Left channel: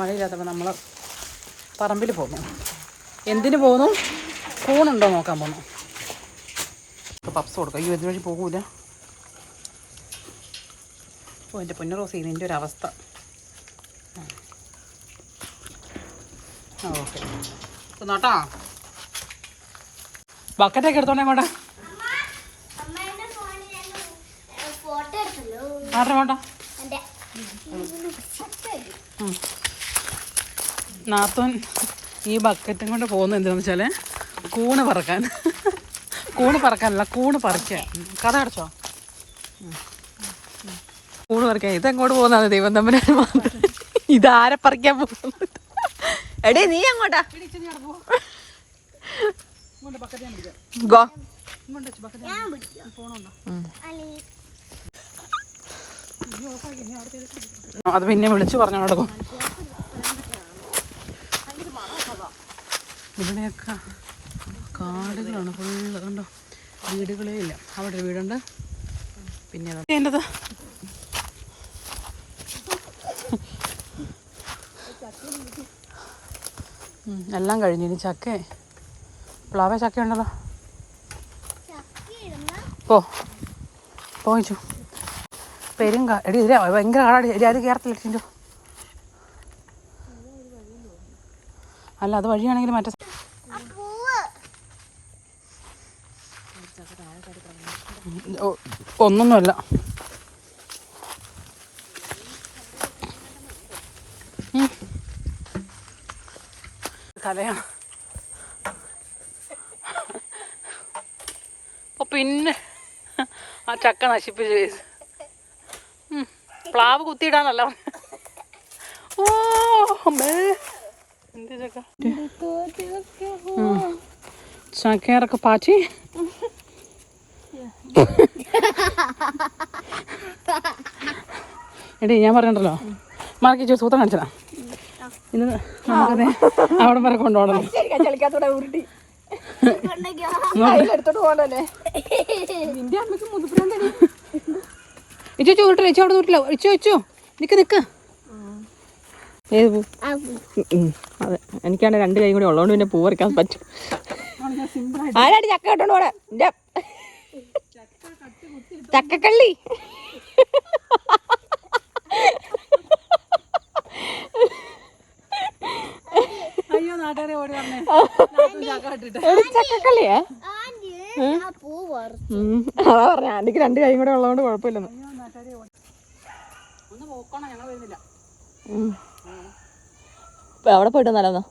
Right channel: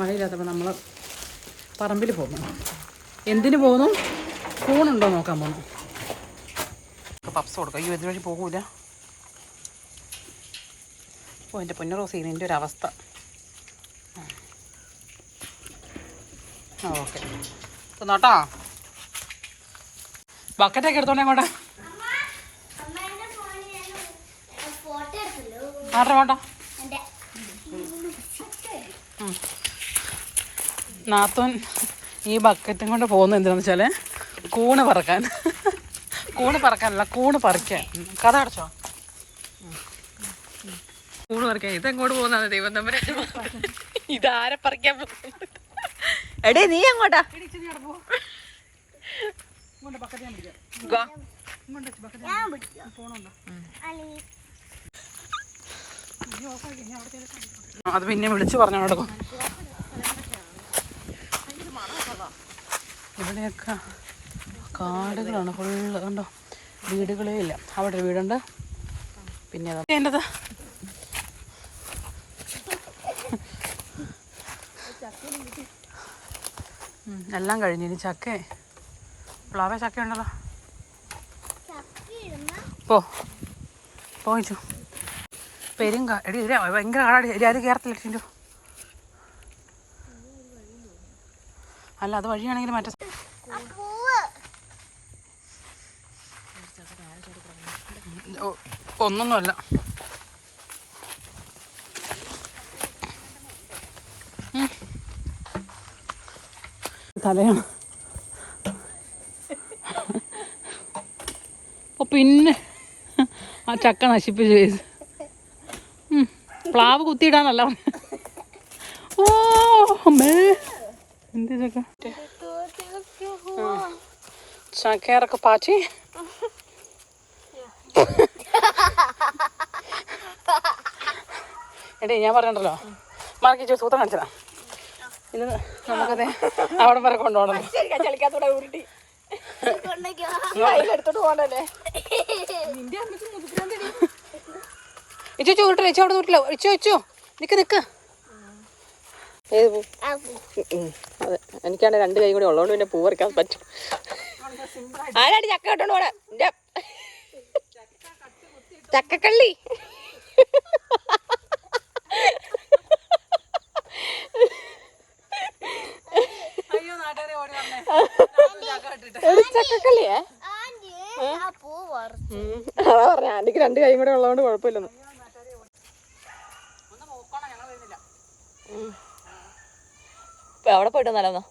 മഴയില്ലാത്തപ്പോൾ നമ്മൾ പറമ്പിൽ പോകുന്നു. എന്തിനു പോകുന്നു? കൂണുണ്ടോ നോക്കാൻ പോകുന്നു. പപ്സ് കൊടുക്കാം. അയ്യോ ഇതുവഴി പോകൂല. ഓ എൻ്റെ പൊന്നു റോസി, ഇതിൻ്റെ ഒരു അവസ്ഥ. ഓക്കെ നോട്ടാ. ബക്കറ്റൊക്കെ എടുത്തോണ്ടേ അങ്ങോട്ടെ. ആട്ടെ വേണ്ട. നാത്തോൻ ഈ ബക്കറ്റും കൊണ്ട് പോകുന്നത് എന്താണെന്ന് വെച്ചാൽ കൂണ് പറക്കാൻ. കൂണ് പറക്കാനല്ല, കൂണ് പറിക്കാൻ. കഥ അടച്ചോ? കൂണ് പറിക്കാൻ. ഇതെങ്ങോട്ട് പോകുന്നതാണ് ദൈവം തമ്മിൽ. ഇതാരെ പറിക്കാൻ പോകുന്നത്? എടേ നീ അങ്ങോട്ടാ. അത് പിന്നെ വിളിച്ചു പറഞ്ഞോടക്കും. ഇവിടെയൊക്കെ കാടുകളാണ് ഫുള്ള്. കണ്ടോ, വീടുകളേ ഇല്ല. അവിടെ ഒരു വീടുണ്ട്. പിന്നെ എൻ്റെത് എല്ലാം കഴിഞ്ഞു. ഇനി ചക്ക, പ്ലാവേ ചക്ക ഉണ്ടല്ലോ. പോയിച്ചു പെരുങ്കാ. എടി ഇല്ല, ഭയങ്കര കാടാടി. അത് കയറത്തില്ല. അല്ല, അത് വഴിയാണെങ്കിൽ മറ്റേ ഒന്നൊന്നുമല്ല. തലയാണ്. പിന്നെ ആ ചക്ക നശിപ്പിച്ചു. പ്ലാവ് കുത്തിയിടാന്നല്ല. ഓ അമ്മേ, എന്ത് ചക്ക ചക്കയൊക്കെ പാച്ചി. എടീ ഞാൻ പറഞ്ഞിട്ടല്ലോ, മാർക്കി സൂത്രം കാണിച്ചതാ. ഇന്ന് അവിടെ വരെ കൊണ്ടുപോകണം. ഇച്ചോ വിട്ടോ, ഇച്ചോ അവിടെ വിട്ടില്ല. ഇച്ചോ നിക്ക് നിക്ക്. എനിക്കാണ് 2 കൈ കൂടെ ഉള്ളതുകൊണ്ട് പിന്നെ പൂ പറിക്കാൻ പറ്റും. ആരാടി ചക്ക കേട്ടോണ്ട് പോണെ? ചക്കക്കള്ളി. അയ്യോ നാട്ടുകാരെ ഓടി പറഞ്ഞേ, ചക്ക ഇട്ടിട്ട്. ചക്കക്കള്ളിയേ? അതാ പറഞ്ഞ, എനിക്ക് 2 കൈ കൂടെ ഉള്ളതുകൊണ്ട് കുഴപ്പമില്ല. ഒന്ന് പോക്കോണം, ഞങ്ങൾ വരുന്നില്ല. അവിടെ പോയിട്ട് നല്ലതാ.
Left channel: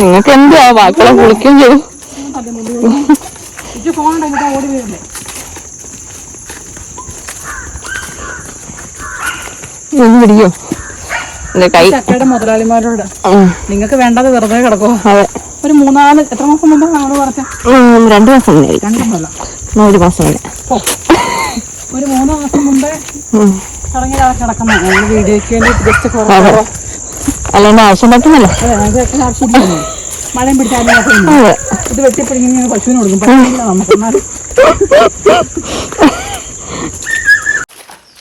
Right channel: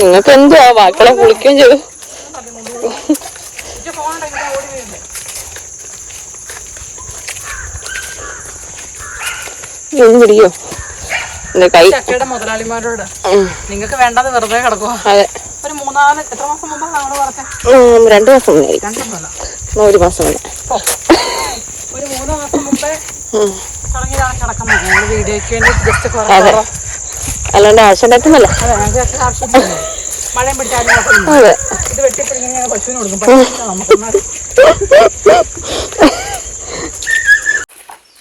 നിങ്ങൾക്ക് എന്താ വിളിക്കും ഞാൻ. ഓടി വരുന്നേ. ചക്കയുടെ മുതലാളിമാരോട് നിങ്ങൾക്ക് വേണ്ടത് വെറുതെ കിടക്കുമോ? ഒരു 3-4 എത്ര മാസം മുമ്പ് നമ്മള് പറഞ്ഞ 2 മാസം 2 മാസം ഒരു 3 മാസം മുമ്പേ തുടങ്ങി കിടക്കുന്ന വീഡിയോയ്ക്ക് വേണ്ടി ജസ്റ്റ് ആവശ്യമില്ല. മഴയും പിടിച്ചാലും ഇത് വെട്ടിപ്പിടിങ്ങനെ പശുവിന് കൊടുക്കും. പശുവില്ല നമുക്ക്.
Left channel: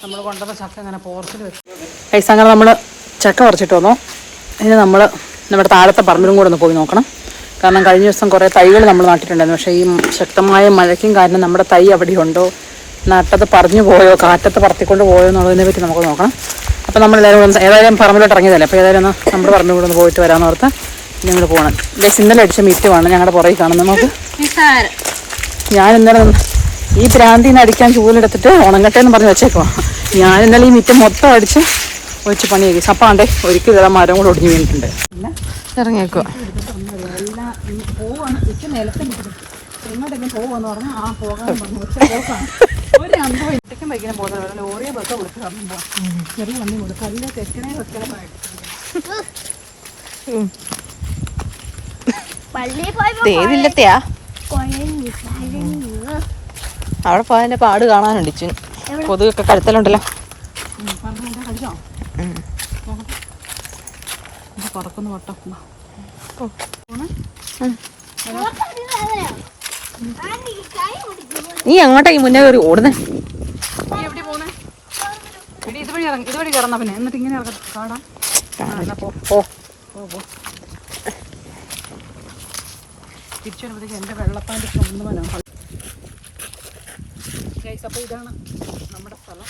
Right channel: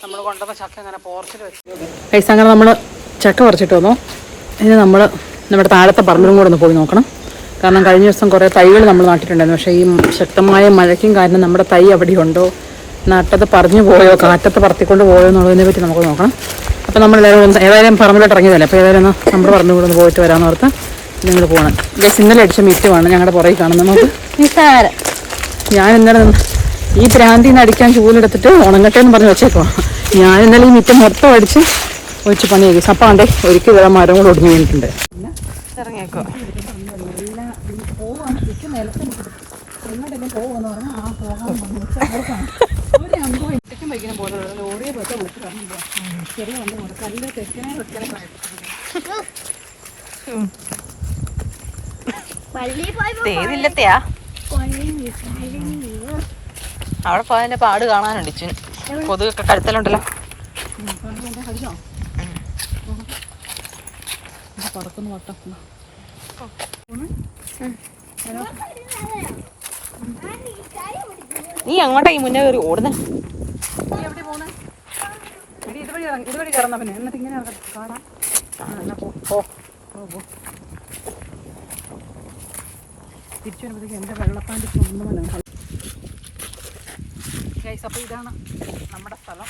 നമ്മൾ കൊണ്ടുവന്ന ചക്ക അങ്ങനെ പോർച്ചിൽ വെച്ച് അങ്ങനെ നമ്മൾ ചക്ക പറിച്ചിട്ട് വന്നു. ഇനി നമ്മൾ നമ്മുടെ താഴത്തെ പറമ്പിലും കൂടെ ഒന്ന് പോയി നോക്കണം. കാരണം കഴിഞ്ഞ ദിവസം കുറേ തൈകൾ നമ്മൾ നട്ടിട്ടുണ്ടായിരുന്നു. പക്ഷേ ഈ ശക്തമായ മഴയ്ക്കും കാരണം നമ്മുടെ തൈ അവിടെ ഉണ്ടോ, നട്ടത് പറഞ്ഞു പോയോ, കാറ്റത്ത് പറത്തിക്കൊണ്ട് പോയോ എന്നുള്ളതിനെ പറ്റി നമുക്ക് നോക്കണം. അപ്പോൾ നമ്മളെല്ലാവരും ഏതായാലും പറമ്പിലോട്ട് ഇറങ്ങിയതല്ലേ, അപ്പോൾ ഏതായാലും ഒന്ന് നമ്മുടെ പറമ്പിൽ കൂടെ ഒന്ന് പോയിട്ട് വരാമെന്ന് ഓർത്ത് ഞങ്ങൾ പോകണം. ഇന്നലെ അടിച്ച മിറ്റുമാണ് ഞങ്ങളുടെ പുറകെ കാണുന്നത്. നമുക്ക് ഞാൻ ഇന്നലെ ഈ പ്രാന്തിന്ന് അടിക്കാൻ ചൂലെടുത്തിട്ട് ഉണങ്ങട്ടെ എന്ന് പറഞ്ഞ് വെച്ചേക്കോ. ഞാൻ ഇന്നലെ ഈ മിറ്റം മൊത്തം അടിച്ച് ഒഴിച്ച് പണിയാക്കി. സപ്പാണ്ടേ ഒരിക്കൽ ഇതാ മരം കൂടെ ഒടിഞ്ഞു വീണിട്ടുണ്ട്. ഇറങ്ങിയേക്കോ പോവാന്ന് പറഞ്ഞാൽ ആ പോകാൻ ഒരു അനുഭവം ഇറ്റയ്ക്കും വൈകുന്ന പോലെ ലോറിയെ ബസ് വിളിച്ച് കറങ്ങുമ്പോൾ ചെറിയ വണ്ടി കൊണ്ട് കല്ല് തെക്കിനെ വെക്കണം. തേതില്ലത്തെയാ അവിടെ പോയതിന്റെ പാട് കാണാനുണ്ട്. കൊതുകൊക്കെ കഴുത്തലുണ്ടല്ലോ. പുറത്തുനിന്ന് പൊട്ട നീ എങ്ങോട്ടാ ഈ മുന്നേ കയറി ഓടുന്നേ? നീ എവിടെ പോന്നെ? ഇതുവഴി കയറുന്ന പിന്നെ എന്നിട്ട് ഇങ്ങനെ കാണാം. തിരിച്ചു വരുമ്പോഴത്തേക്ക് എൻ്റെ വെള്ളപ്പാൻ്റെ കൊണ്ടുവരാം. അപ്പോൾ ഇതാണ് നമ്മുടെ സ്ഥലം.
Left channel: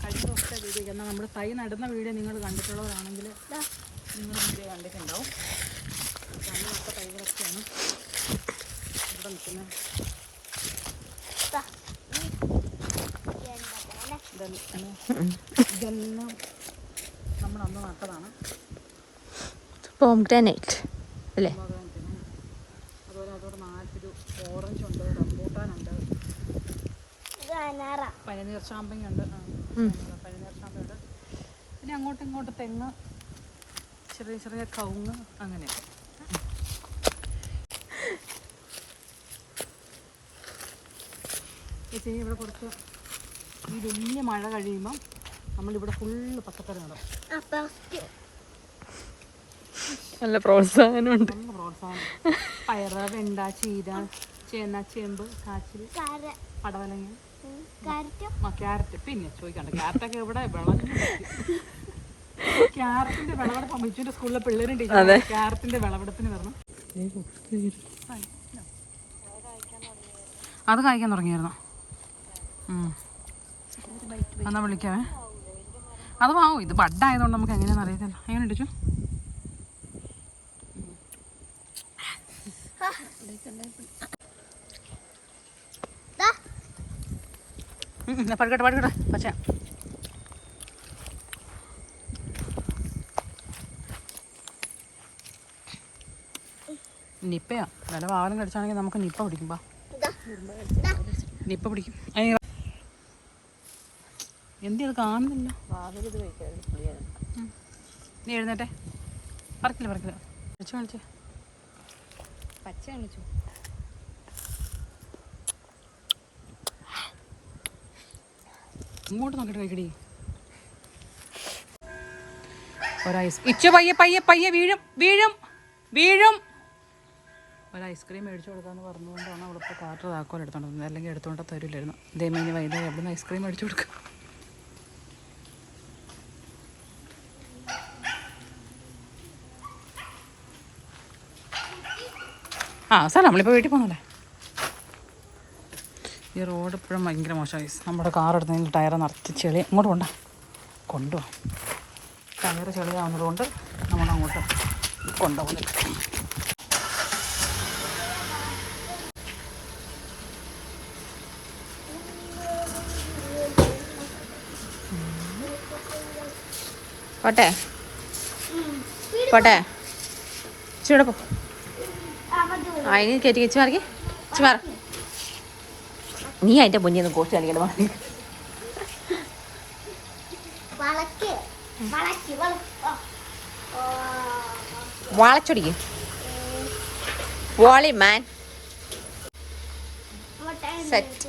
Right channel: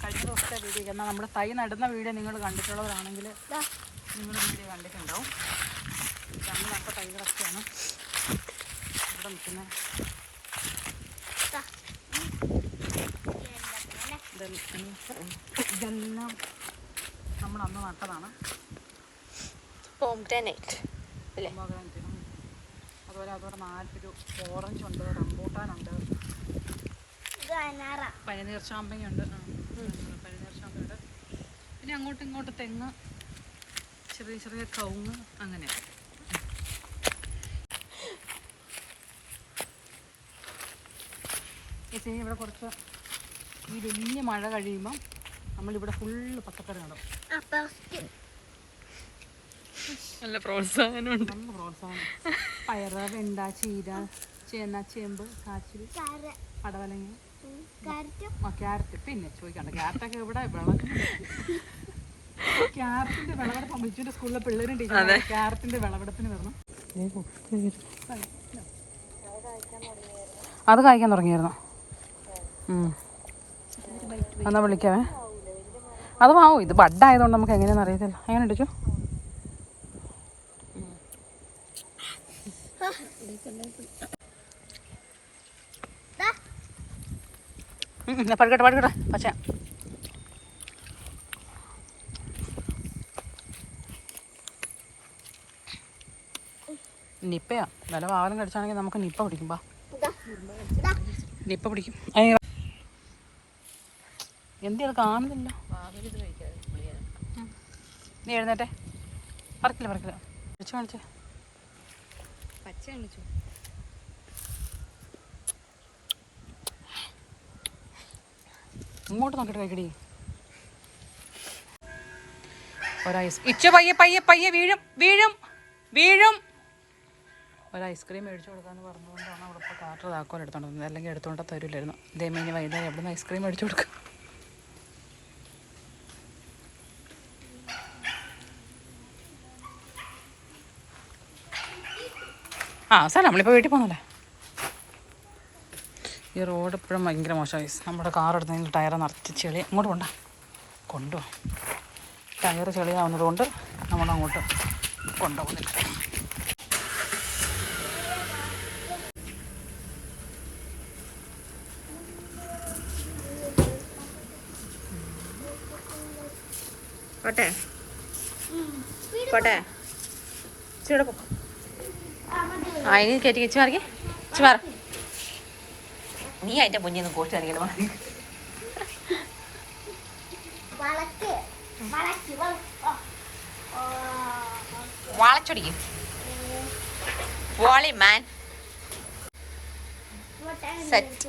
കഴിഞ്ഞ ദിവസത്തെ വീഡിയോ എന്നാൽ നമ്മുടെ തൈ നടുന്ന വീഡിയോ നിങ്ങൾ കണ്ടിട്ടുള്ളവരാണെങ്കിൽ നിങ്ങൾ വീഡിയോ കണ്ടിട്ടുണ്ടാവും. അന്ന് നട്ട തൈകളൊക്കെയാണ് ഇവിടെ നിൽക്കുന്നത്. ഇതെല്ലാം നമ്മൾ അന്ന് നട്ടതാണ്. പോംഗ്രാനൈറ്റ് അല്ലേ? അതുപോലെ അതോടെ 4 ഓറഞ്ച് ഉണ്ട്, റംബൂട്ടാനുണ്ട്, പനിനീർ ചാമ്പയുണ്ട്. പനിനീർ ചാമ്പയുണ്ട്. പിന്നെ അങ്ങോട്ടും ഇങ്ങോട്ട് തെങ്ങ്, ചെറിയ ചെറിയ കവുങ്ങ്, അങ്ങനെ. ഇവിടെ കുറച്ച് ഈ വലിയ മഴ കഴിയുമ്പം നമ്മളിവിടെ ഫുള്ള് പച്ചക്കറി നടും. നല്ല പ്രോത്സാഹനമുണ്ട്. നല്ല പ്രോത്സാഹനം. പയറ്, വെണ്ട, ചീര, ചേന, ചേമ്പ്, കാച്ചിൽ, പടവലങ്ങ, ക്യാരറ്റ്. പിന്നെ ചോദിക്കണ്ട, ക്യാരറ്റൊക്കെ ഇവിടെ ക്യാരറ്റിന്റെ വിളവെടുപ്പ് ബിജുവിന്റെ സ്കൂളിലെ പിള്ളേരും ടീച്ചർ ക്യാരറ്റിന്റെ വിളവെടുപ്പിന് വരണം. അത് കായ്ക്കാൻ തുടങ്ങിയായിരുന്നു. എന്നാ വിളിക്കാവേ. അത് വാങ്ങും. ഇത് ബഡായതുകൊണ്ട് നമുക്ക് എങ്ങനെയാണെന്ന് അറിയത്തില്ല. എങ്ങനെ ഇടിച്ചു? പഠിക്കട്ടെ പക്ഷേ നിപ്പയാ. വില വാഹനം കടിച്ചാണെങ്കിൽ നമുക്ക് നിപ്പ പിടിക്കും. നിപ്പ പിടിക്കും. എന്ത് കാണുന്നില്ല. നീ എഴുന്നേറ്റെ. പറക്കില്ല വിളിച്ചു കാണിച്ചേ. പച്ച കാണിച്ചു. ഇങ്ങോട്ട് നോക്കിട്ട് കഴിക്കടി. ഒരൈസ് ഇച്ചു പയ്യെ വീഴും. ഒരു ഐസ്ക്രീം മേടിച്ചു കൊടുക്കാമെന്ന് പറഞ്ഞുകൊണ്ടാണ് അവളിപ്പോൾ കാറ്റർ താക്കോൽ എടുത്തോണ്ടിരുന്നത്. അല്ലെങ്കിൽ എടുത്തുകൊണ്ട് തരില്ലായിരുന്നു. ദൈമേനി വൈകുന്നേരം എവിടെ നിന്ന് ഐസ്ക്രീം മേടിച്ചു കൊടുക്കുക? സാറേ നമ്മളിപ്പോൾ വീട്ടിൽ പോകണല്ലേ. ഈ റോഡ് ഇപ്പോഴും ഭയങ്കര മോശമായി. നമ്മുടെ കാർ എടുത്തെങ്കിൽ ടയർ നിറച്ച് ചെളി. അങ്ങോട്ട് കൊണ്ടുപോകാം. ടയർ ചെളിയാവുന്നതുകൊണ്ട് നമ്മളങ്ങോട്ട് കൊണ്ടുപോകുന്നില്ല. പോട്ടെ ചൂടെ പോ. അതിന് കയറ്റി വെച്ച് മാറിക്ക്. മാറ. നീ അതിൻ്റെ മുന്നിൽ നിന്ന് കോസ്റ്റ് കാണിക്കണം. വളച്ചൊടിക്കും. വോളി മാൻ സെറ്റ്.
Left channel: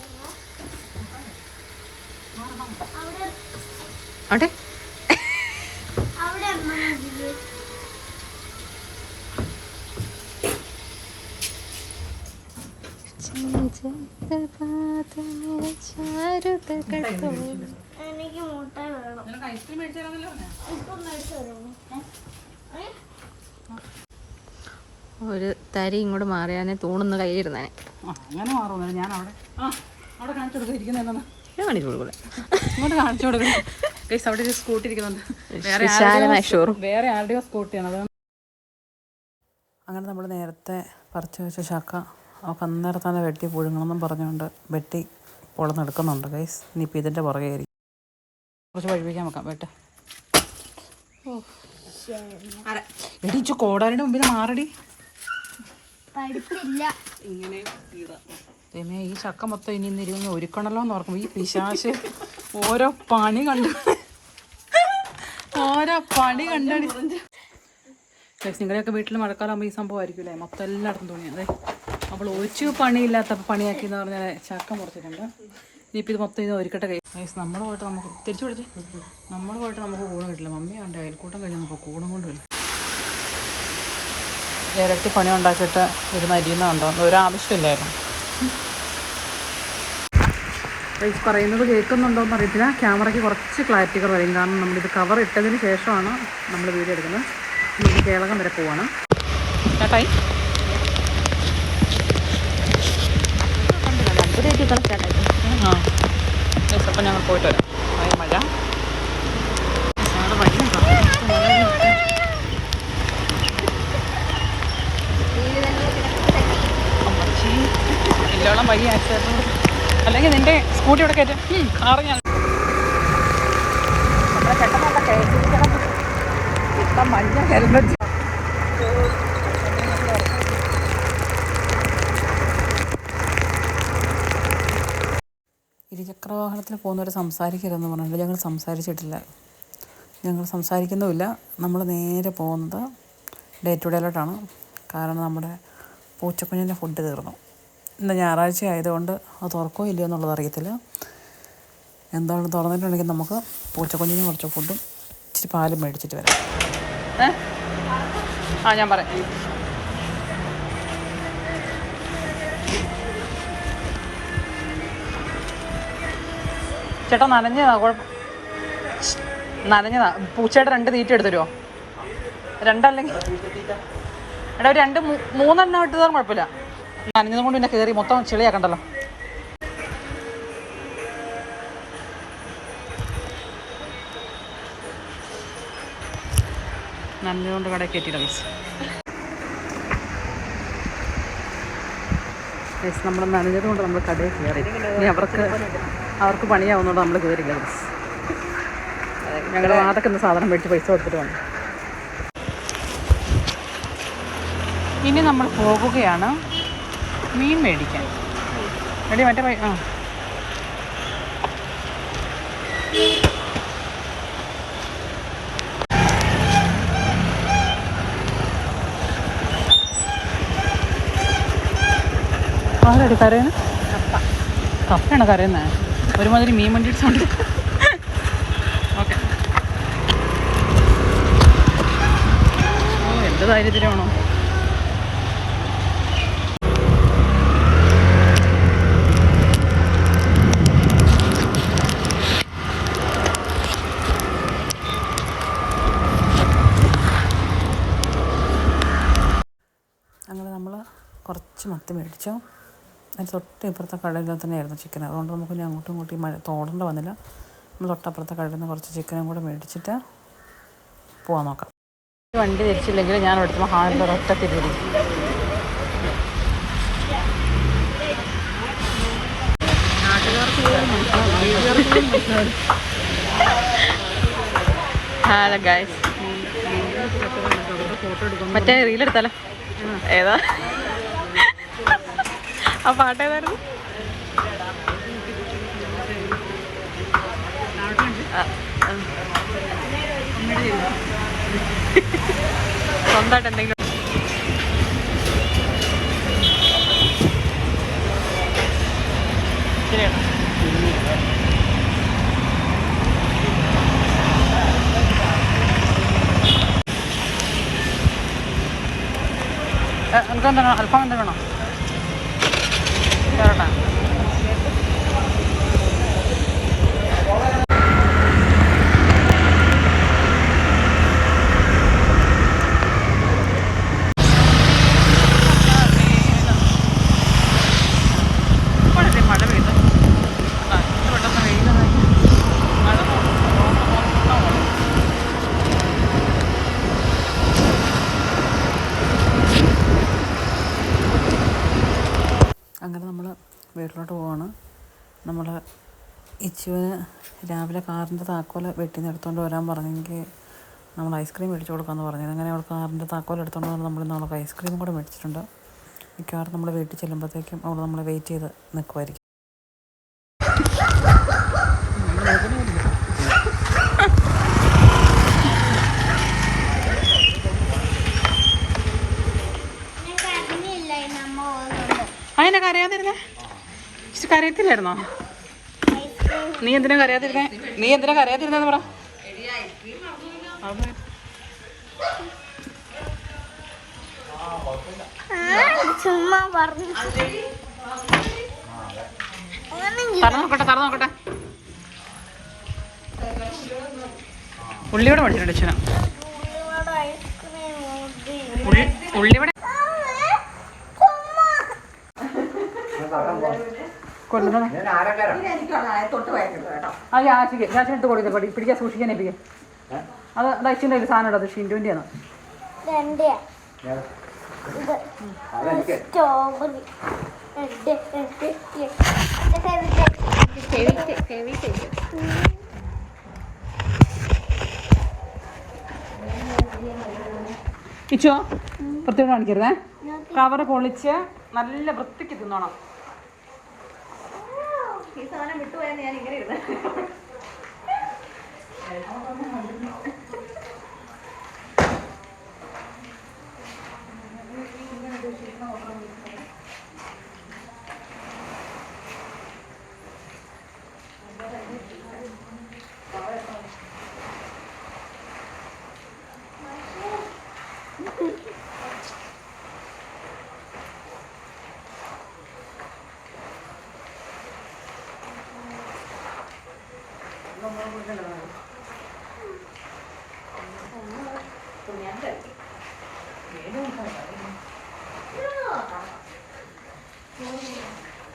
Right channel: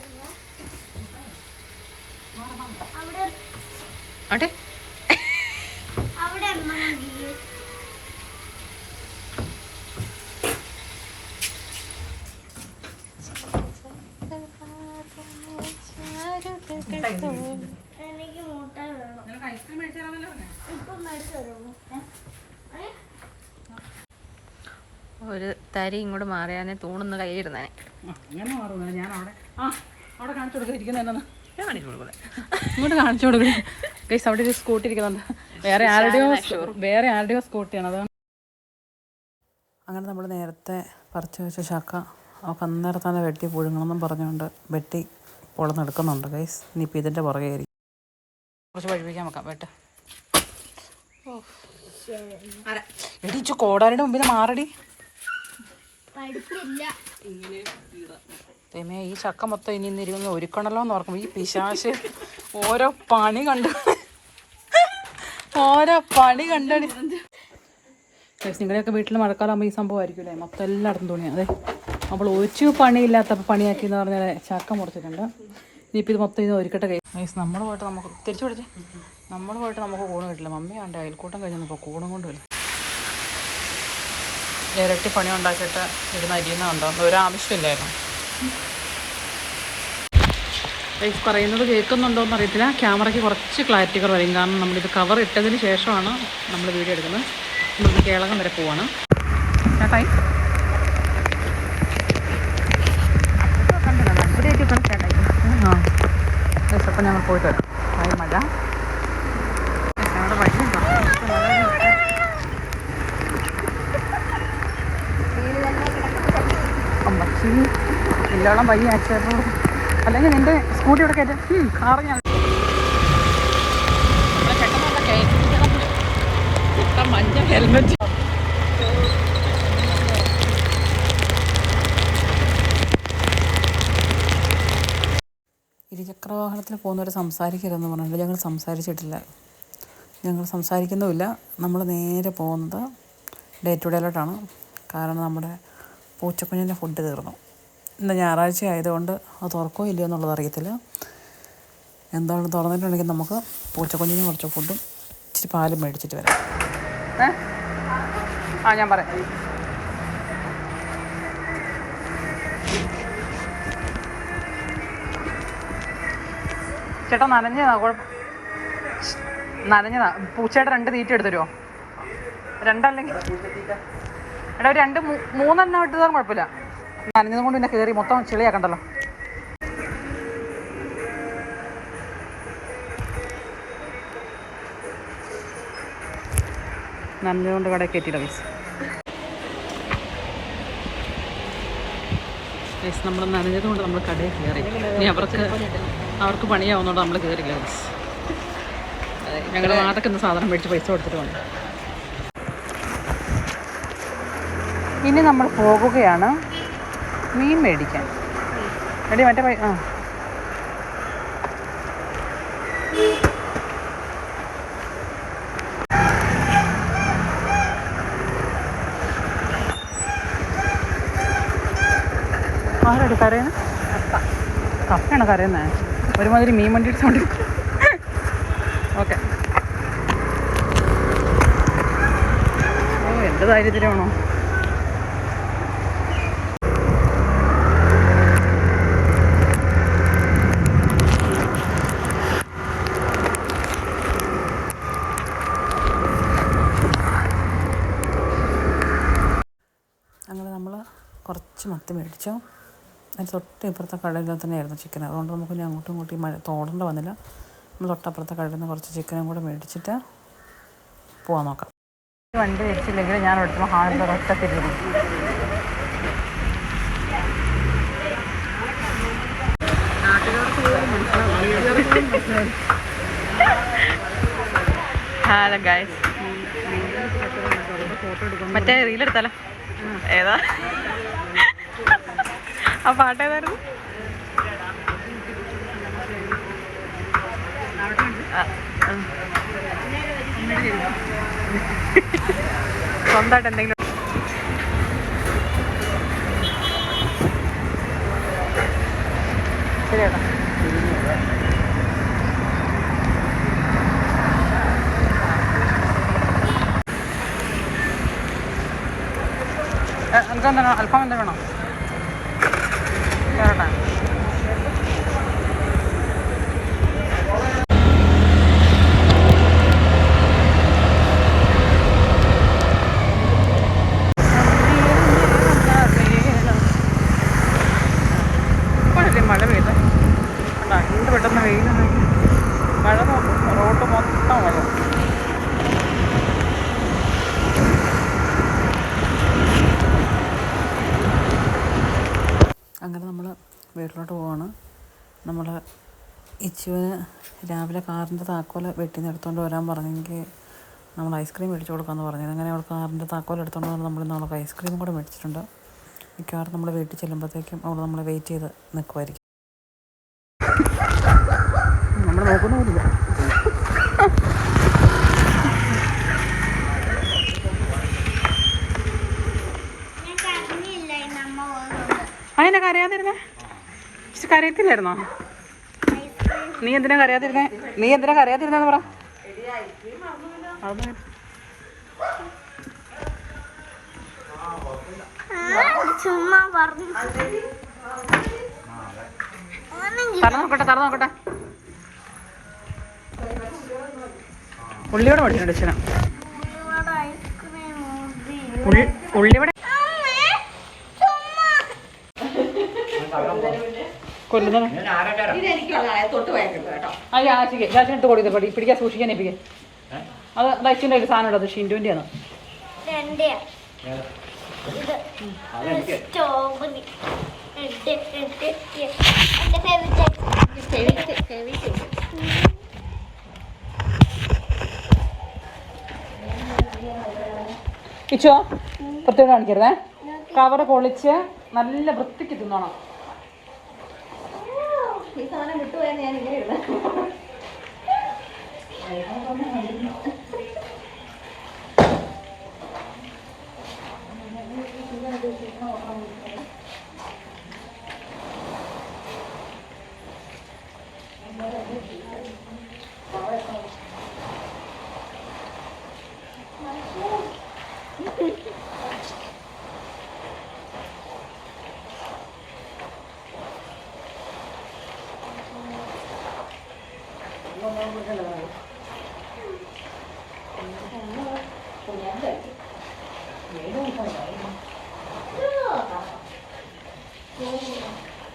ആട്ടെ ഒരു തരി ഇങ്ങോട്ട് മാറിയാനെ തൂണൊന്ന് കയ്യിലിരുന്നേനെ. അങ്ങനെ മാറുന്നു. ഞാൻ അവിടെ കാണിച്ചു കൊടുക്കിരിക്കുന്ന കാണിച്ചു കൊടുക്കൂടെ? ഇങ്ങോട്ട് കാണിച്ചു കൊടുക്കും. അവിടെ ഒരു സ്കൂട്ടി ഇരിക്കുന്നുണ്ട്. വേറെ ആരുടെയോ സ്കൂട്ടിയാണ് അത്. അങ്ങനെ നമ്മൾ നേരത്തെ പറിച്ചു വെച്ച ചക്ക അവൾക്ക് അന്നേരം തന്നെ വെട്ടി പുഴുങ്ങണമെന്നും പറഞ്ഞുകൊണ്ട് വെട്ടി പൊളന്നെടുക്കുന്നുണ്ട് ഗൈസ്. ഇനിയിപ്പോൾ ഇതിൻ്റെ പുറകെ ആയിരിക്കും. കുറച്ച് വഴിപ്പിക്കാൻ വെക്കാം. വെട്ട്. എടിച്ചു കോടാലിയുടെ മുമ്പിൽ മാറടി. തേമേ ഈ ചക്ക മൊത്തം ഇനി ഇന്നിരുന്ന് ഒരുക്കണല്ലോ എന്ന് ഓർക്കുമ്പോൾ ഈ പിശാശ് ഓരോ പണി കണ്ടടി. നിങ്ങളുടെയൊക്കെ വീട്ടിൽ മഴക്കാലമാകുമ്പോൾ ഈ സംഭവം ആയിരിക്കില്ലേ? മൊത്തം എല്ലായിടത്തും തുണി. അതെ അവൾ ഒഴിച്ചു പണിയില്ലാത്ത പണിയാക്കി എന്ന് പറഞ്ഞാൽ ചക്ക മുറിച്ചിട്ടുണ്ട്. ഇനിയിപ്പോൾ ഇത് മൊത്തം ഇത് ഒരുക്കട്ടെ ഗൈസ്. നമ്മൾ പോയിട്ട് നമുക്ക് തിരിച്ചു പിടിച്ച് നമുക്ക് കൂണ് കിട്ടില്ല. മമ്മി കണ്ട അയൽക്കൂട്ടം കഴിഞ്ഞപ്പോൾ കൂണും കൊണ്ട് വരും. ഇരട്ടി പണി ഉണ്ടാക്കിയിട്ട് ഇത് മരിയുന്നുണ്ടോ ഒരാവശ്യമില്ലായിരുന്നു. ഗൈസ് പറയുന്നത് കേൾക്കുന്നുണ്ടോ എന്ന് അറിയത്തില്ല. ക്യാമറയ്ക്ക് കുറച്ച് ക്ലാരിറ്റി കുറവായിരിക്കും, കാരണം നമ്മളിത് കവർ ഇട്ടതിന് ശേഷമാണ് നമ്മൾ വീഡിയോ എടുക്കുന്നത്. നമ്മളിത് കേളകം വരെ പോവാണ്. സ്റ്റാർട്ടായി. ആ ഗൈസ്, അപ്പം ഞങ്ങൾ പോയിട്ട് വരാം. ഭയ മഴ അമ്മച്ചി ഇല്ലോളം വഴി ആക്സിഡൻറ്റ്. അല്ലെങ്കിൽ നിൻ്റെ സ്കൂട്ടി ഇവിടെ കയറ്റും കാറ് ഞാൻ നമ്മളെ പെട്ടെന്നുള്ള കയറ്റിക്കണം. ഇട്ട മഞ്ഞ ഹെൽമെറ്റ്. ഇരുചക്രവാഹനത്തിൽ പോകുന്നവർ സംസാരിക്കരുതെന്ന് പറഞ്ഞിട്ട് ഞങ്ങൾ സംസാരിച്ചിട്ടില്ല. ഞങ്ങൾ സംസാരിക്കുന്നുമില്ല. നമ്മൾ നേരെ പോകുന്നത് ഡേ ടു ഡേയിലോട്ടാണ്. കാരണം നമ്മുടെ പൂച്ചക്കുഞ്ഞിൻ്റെ ഫുഡ് തീർന്നു. ഇന്ന് ഞായറാഴ്ച ആയതുകൊണ്ട് അത് തുറക്കോ ഇല്ലയോ എന്നുള്ളത് അറിയത്തില്ല. എന്താണ് തുറന്നിട്ടുണ്ടെങ്കിൽ നമുക്ക് പൂച്ചക്കുഞ്ഞിന് കുറച്ച് ഫുഡും ഇച്ചിരി പാലും മേടിച്ചിട്ട് വരാം. ഞാൻ പറയാം. ചേട്ടാ നനഞ്ഞതാ, നനഞ്ഞതാ. പൂച്ചയുടെ 2 തീറ്റ എടുത്ത് തരുമോ? 2 അല്ലെങ്കിൽ എടാ 2 3 ഇട്ട് തരാൻ കുഴപ്പമില്ല. നനഞ്ഞതും കൊണ്ട് പിന്നെ കയറി മൊത്തം ചെളിയാക്കണ്ടല്ലോ. നനഞ്ഞതുകൊണ്ട് കടയിൽ കയറ്റിയില്ല പൈസ. നമ്മൾ നനഞ്ഞത് കൊണ്ട് നമ്മൾ കടയിൽ കയറി. ഇനി അവർക്ക് പണിയാവുന്നതുകൊണ്ട് നമ്മൾ കയറില്ല. ഞങ്ങൾ അതൊക്കെ ഒന്ന് സാധനം മേടിച്ച് പൈസ കൊടുത്തിട്ട് വന്നു. ഇനി നമ്മൾ പോകുകയാണ് മീൻ മേടിക്കാൻ. എടി മറ്റേ ആരടി കരയുന്നത്? കപ്പയാണ് കരയുന്നത്. ഒരുമാതിരി മീൻ വണ്ടി സൗണ്ട്. ഓക്കെ. എന്ത് ധൈര്യത്തിലാണോ? അങ്ങനെ നമ്മൾ കുറച്ച് മത്തി മേടിച്ചു. അതിന് തൊട്ട് ഇപ്പുറത്തെ കടയിൽ തന്നെയായിരുന്നു ചിക്കൻ. അതുകൊണ്ട് നമുക്ക് ഇനി അങ്ങോട്ടും ഇങ്ങോട്ടും തോടേണ്ട വന്നില്ല. നമ്മൾ തൊട്ടപ്പുറത്തെ കടയിൽ നിന്ന് കുറച്ച് ചിക്കനും കൂടെ മേടിച്ചിട്ട് പോകാൻ നോക്കാം. വണ്ടി തിരിച്ചില്ലെങ്കിൽ ഞാൻ എടുത്തുമ്പോൾ ഹാളിൻ്റെ ഒരൊറ്റ തിരിഞ്ഞു. ഹലോ ഗൈസ്, മറ്റേ റീലെടുത്താലോ? ഏതാ ആ പാട്ട്? ഏതായിരുന്നു? സ്വന്തമായിട്ട് എന്തെങ്കിലും ശരിയാണോ? എനിക്കെന്താണ് അൽഫാം എന്താ വേണോ? വേറെട്ടാ മഴ പെയ്ത് എന്ത് പെട്ടെന്ന് വെയിൽ മഴ റോഡ് മൊത്തം വന്നു. അങ്ങനെ നമ്മൾ വീട്ടിലോട്ട് പോവാണ്. നമ്മൾ ഇച്ചുവിന് രാവിലെ കാറിൻ്റെ താക്കോൽ വീട്ടിൽ നിന്ന് എടുത്തുകൊണ്ട് വരാൻ പറഞ്ഞെങ്കിൽ നമ്മൾ ഐസ്ക്രീം മേടിച്ച് കൊടുക്കാമെന്ന് പറഞ്ഞത്. അങ്ങനെ അവൾ കാറിൻ്റെ താക്കോൽ എടുത്തുകൊണ്ട് വന്ന് നമ്മളിന്ന് അവൾക്ക് ഐസ്ക്രീം കൂടെ മേടിച്ചിട്ടുണ്ട്. മിക്കവാറും നമ്മൾ വീട്ടിൽ ചെല്ലുമ്പോഴത്തേക്കും അവൾ നമ്മളെ വെയിറ്റ് ചെയ്ത് നിൽക്കുമായിരിക്കും. നമ്മൾ നോക്കുന്നില്ല. അതിനെ കരയാതിരുന്നേ? കരയത്തില്ലായിരുന്നോ? നീ എന്തിനാ കരയാതിരുന്നെന്ന് പറ. ചുമ്മാ പറഞ്ഞു. തുറന്നു നോക്കട്ടെ. ഉള്ളിയോടെ മേടിച്ചിട്ടുണ്ട് അച്ഛനാ. ഉള്ളിയോടെ കൊല്ലുന്നത് ഗ്യാസിനിട്ട് കൊടുക്കുക. പിടിക്കാൻ സൂക്ഷിക്കാൻ ഏൽപ്പിക്കുക. അത് അച്ഛൻ്റെ ഒരു സാധനം ഉണ്ട്. അത് ഷിൻഡുവിൻ്റെ ആണ്. ഇച്ചോ പ്രത്യേകം കാണിക്കരുതേ. കവറ് പൊളിച്ച് നല്ല വൃത്തിക്ക് തിന്നോണം. ഈ സാധനം വിട്ടുപോയാൽ ഞാൻ ഇങ്ങനെ ഇരുന്നു.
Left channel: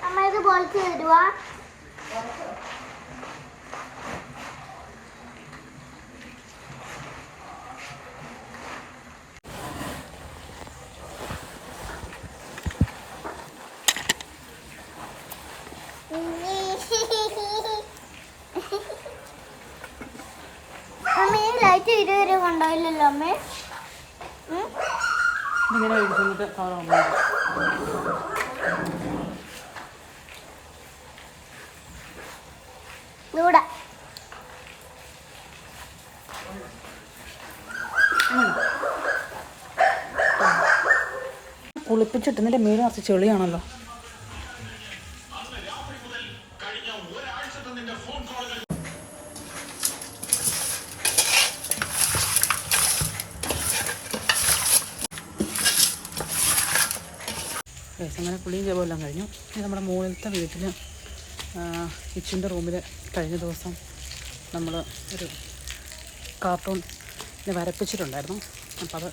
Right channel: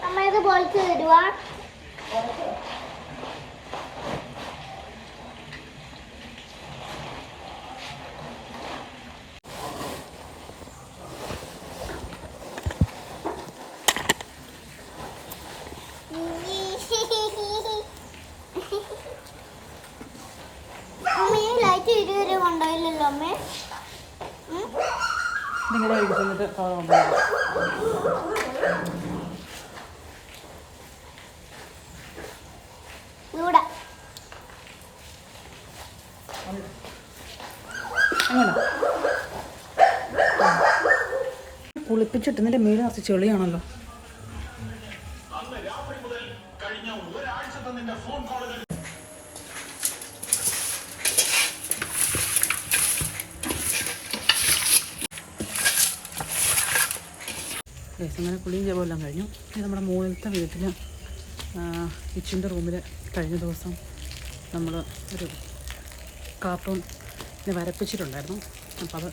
അമ്മ ഇത് ബോൾസ് തരുവാ. അമ്മ ഈ ലൈറ്റ് ഇതുവരെ കൊണ്ടുപോയില്ലല്ലോ അമ്മേ. നിങ്ങളുടെ എന്നിട്ട് ഇവിടെ കുളിപ്പിച്ചിട്ട് ഇതിൻ്റെ മേല് നിറച്ച് ചെളിയാണല്ലോ. അങ്ങനെ കുളിയും ജപമെല്ലാം കഴിഞ്ഞു. ഇത് നമ്മുടെ മുകളിലത്തെ വീട്ടിൽ കിച്ചൻ്റെ റൂമിൽ കഴിഞ്ഞ ദിവസം നമ്മൾ ഒരു കാർട്ടൂണിനെ വരപ്പിച്ചിട്ടുണ്ടായിരുന്നു. അപ്പോൾ അത്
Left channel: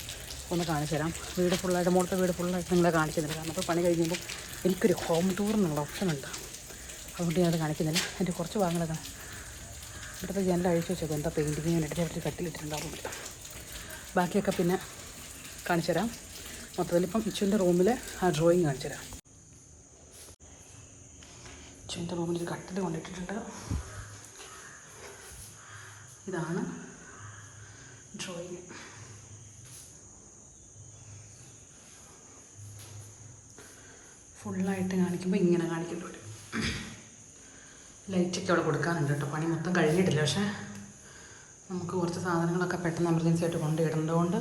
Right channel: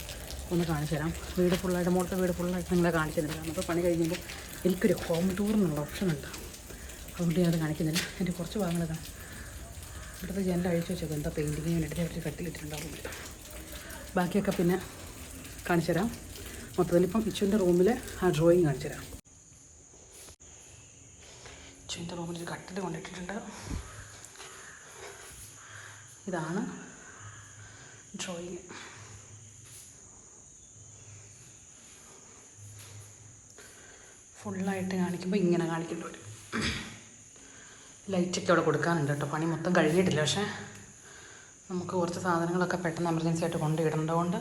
ഒന്ന് കാണിച്ചു തരാം. വീട് ഫുള്ളായിട്ട് മുകളിലത്തെ വീട് ഫുള്ളായിട്ട് നിങ്ങളെ കാണിക്കുന്നില്ല. കാരണം അപ്പോൾ പണി കഴിയുമ്പോൾ എനിക്കൊരു ഹോം ടൂറിനുള്ള ഓപ്ഷനുണ്ട്. അതുകൊണ്ട് ഞാനത് കാണിക്കുന്നില്ല. എൻ്റെ കുറച്ച് ഭാഗങ്ങളൊക്കെ ഇവിടുത്തെ ജനൽ അഴിച്ചു വെച്ചത് എന്താ പെയിൻറ്റിങ് ഞാൻ ഇടയ്ക്ക് കട്ടിലിട്ടിട്ടുണ്ടാവും. ബാക്കിയൊക്കെ പിന്നെ കാണിച്ചു തരാം. മൊത്തത്തിലിപ്പം ഇച്ചുവിൻ്റെ റൂമിൽ ആ ഡ്രോയിങ് കാണിച്ചു തരാം. ഇച്ചുവിൻ്റെ റൂമിൽ ഒരു കട്ടിൽ കൊണ്ടിട്ടിട്ടുണ്ട്. ഇതാണ് ഡ്രോയിങ്. ഫുള്ളായിട്ട് കാണിക്കുമ്പോൾ ഇങ്ങനെ കാണിക്കേണ്ടി വരും. ലൈറ്റൊക്കെ അവിടെ കൊടുക്കാനുണ്ട് കേട്ടോ. പണി മൊത്തം കഴിഞ്ഞിട്ടില്ല. പക്ഷേ നമുക്ക് കുറച്ച് സാധനങ്ങളൊക്കെ പെട്ടെന്ന് എമർജൻസി ആയിട്ട് കൊണ്ടിടേണ്ടതുകൊണ്ട്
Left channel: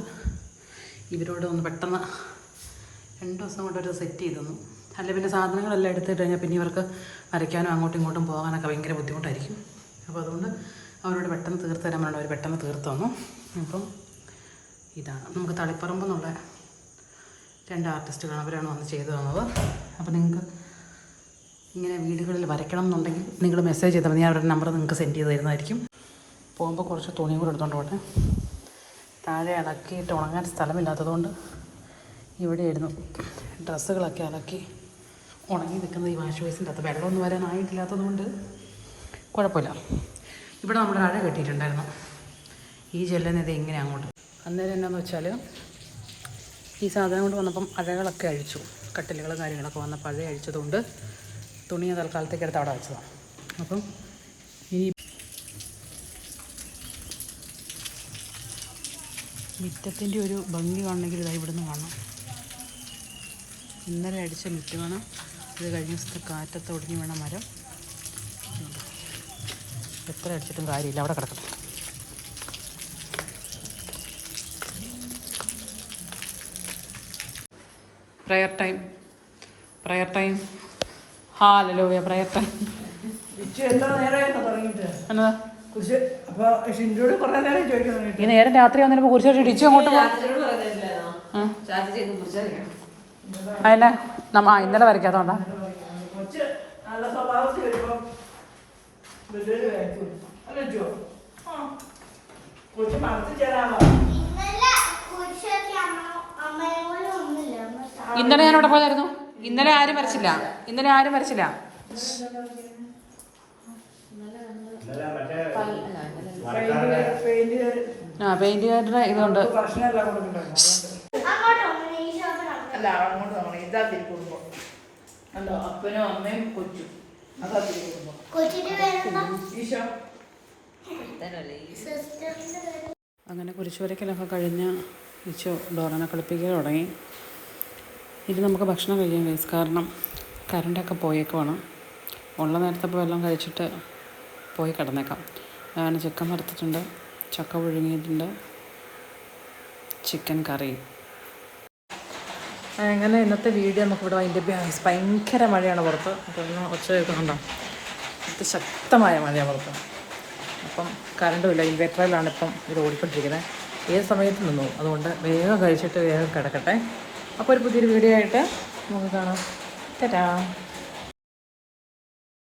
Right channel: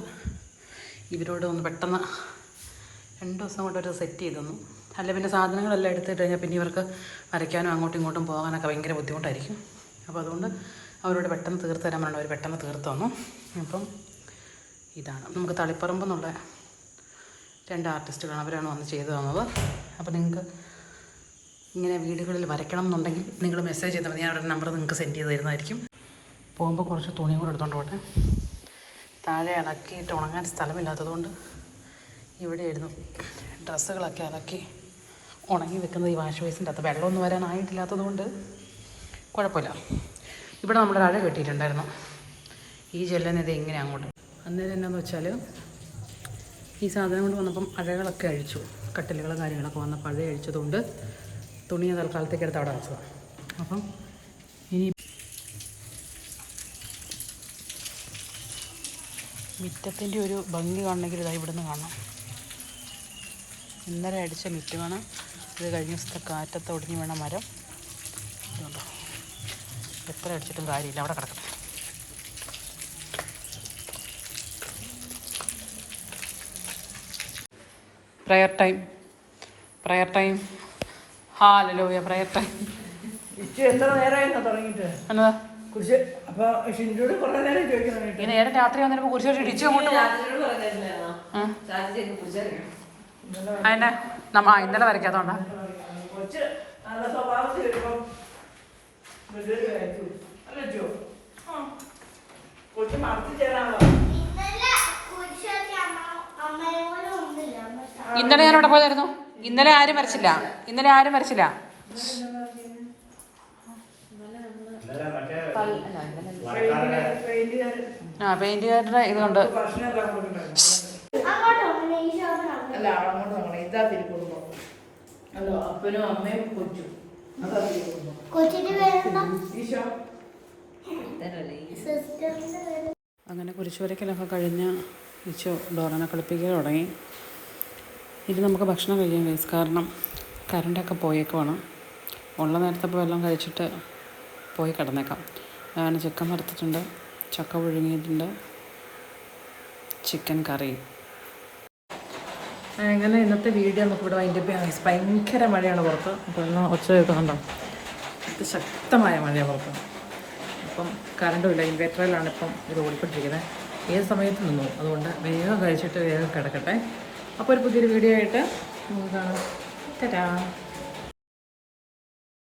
ഇവരോട് ഒന്ന് പെട്ടെന്ന് 2 ദിവസം കൊണ്ട് ഒരു സെറ്റ് ചെയ്ത് തന്നു. അല്ല പിന്നെ സാധനങ്ങളെല്ലാം എടുത്തിട്ട് കഴിഞ്ഞാൽ പിന്നെ ഇവർക്ക് വരയ്ക്കാനും അങ്ങോട്ടും ഇങ്ങോട്ടും പോകാനൊക്കെ ഭയങ്കര ബുദ്ധിമുട്ടായിരിക്കും. അപ്പോൾ അതുകൊണ്ട് അവരോട് പെട്ടെന്ന് തീർത്ത് തരാൻ വേണ്ടി അവർ പെട്ടെന്ന് തീർത്ത് തന്നു. അപ്പം ഇതാണ് നമുക്ക് തളിപ്പറമ്പ് എന്നുള്ള 2 ആർട്ടിസ്റ്റുകളാണ്. അവരാണ് വന്ന് ചെയ്തു തന്നത്. അപ്പോൾ നിങ്ങൾക്ക് ഇങ്ങനെ വീടുകളിൽ വരയ്ക്കണം എന്നുണ്ടെങ്കിൽ നിങ്ങൾ മെസ്സേജ് ചെയ്താൽ മതി. ഞാൻ അവരുടെ നമ്പർ നിങ്ങൾക്ക് സെൻഡ് ചെയ്ത് തരുന്നതായിരിക്കും. പോകുമ്പോൾ കുറച്ച് തുണിയും കൂടെ എടുത്തുകൊണ്ട് പോട്ടെ. താഴെ ഇളക്കിയിട്ട് ഉണങ്ങാൻ സ്ഥലമില്ലാത്തതുകൊണ്ട് ഇവിടെയായിരുന്നു ഡ്രസ്സുകളൊക്കെ അലക്കി ഉണങ്ങി നിൽക്കുന്നത്. ഈ വാഷ് ബേസിൻ്റെ അകത്ത് വെള്ളമൊന്നും വരാനായിട്ടില്ലാത്തത് കൊണ്ട് കുഴപ്പമില്ല. ഇവിടെ നമ്മൾ അഴ കെട്ടിയിട്ടുണ്ടായിരുന്നു. ഈ ജെല്ലിനിത് എങ്ങനെ അങ്ങോട്ട് അന്നേരം എന്നാന്ന് വെച്ചാൽ ഈ സാധനം കൊണ്ട് വന്നപ്പം അഴകളൊക്കെ അഴിച്ചു. കട്ടിലുകളും കാര്യങ്ങളൊക്കെ വന്നപ്പോൾ അഴ അഴിച്ചതുകൊണ്ട് തുണിയെ തൽക്കാലത്തേക്ക് എടുത്ത് അവിടെ വെച്ചതാണ്. അപ്പം ഇനി മിറ്റത്തിൻ്റെ ഒരു ഭംഗി കാണണമെങ്കിൽ ഇതായി ഇവിടുന്ന് കാണണം. ഇന്നലെ അടിച്ച മിറ്റ് വേണം. ഇത് കഴിഞ്ഞ ദിവസത്തെ കാറ്റത്ത് ഒടിഞ്ഞ് വീണ മരം ഇതുണ്ടോ. എത്ര അടിച്ചിട്ടും കാര്യമില്ല, അവിടെ കിടക്കട്ടെ. Prayer time hallelujah. Prayer time എന്നതാ ഈ നേരം രാത്രി വന്നപ്പോൾ കുറിച്ച് ടിച്ചു അങ്ങോട്ട് പോകും. അതിനെ ഇന്നലെ വരയ്ക്കാത്തോണ്ടാ. ഇന്നലെ ഞാൻ അവിടെ പോയായിരുന്നു. ഇന്നലെ ആരും വരച്ചില്ല. പെയിന്റുകാരുടെ ഇതുകൊണ്ട് അപ്പനും അമ്മയും കൊച്ചും. അങ്ങനെ കുരിശുവരയ്ക്കലൊക്കെ കഴിഞ്ഞ് ഇച്ചു ഡോറനെ കളിപ്പിക്കാൻ തുടങ്ങി. ഇനി നമുക്ക് ഭക്ഷണം കഴിക്കാൻ കഴിയും. കാരണം കറണ്ടൊക്കെ പോയേക്കുവാണ്. ഉള്ള നേരത്തെ ഇപ്പോൾ എല്ലാം കഴിച്ചിട്ട് പോയി കിടന്നേക്കാം. അങ്ങനെ ചിക്കൻ വറുത്തിട്ടുണ്ട്, ചക്ക പുഴുങ്ങിയിട്ടുണ്ട്, ചിക്കൻ കറി. അങ്ങനെ ഇന്നത്തെ വീഡിയോ നമുക്കിവിടെ അതിൻ്റെ ഭയങ്കര മഴയാണ് പുറത്ത്. അപ്പോൾ ഇന്ന് ഒച്ച കേൾക്കുന്നുണ്ടോ? ശക്തമായ മഴയാണ് പുറത്ത്. അപ്പം കറണ്ടും ഇല്ല. ഇൻവേർട്ടറിലാണ് ഇപ്പം ഇത് ഓടിക്കൊണ്ടിരിക്കുന്നത്. ഏത് സമയത്ത് നിന്നു. അതുകൊണ്ട് വേഗം കഴിച്ചിട്ട് വേഗം കിടക്കട്ടെ. അപ്പോൾ ഒരു പുതിയൊരു വീഡിയോ ആയിട്ട് നമുക്ക് കാണാം. ടാറ്റാ.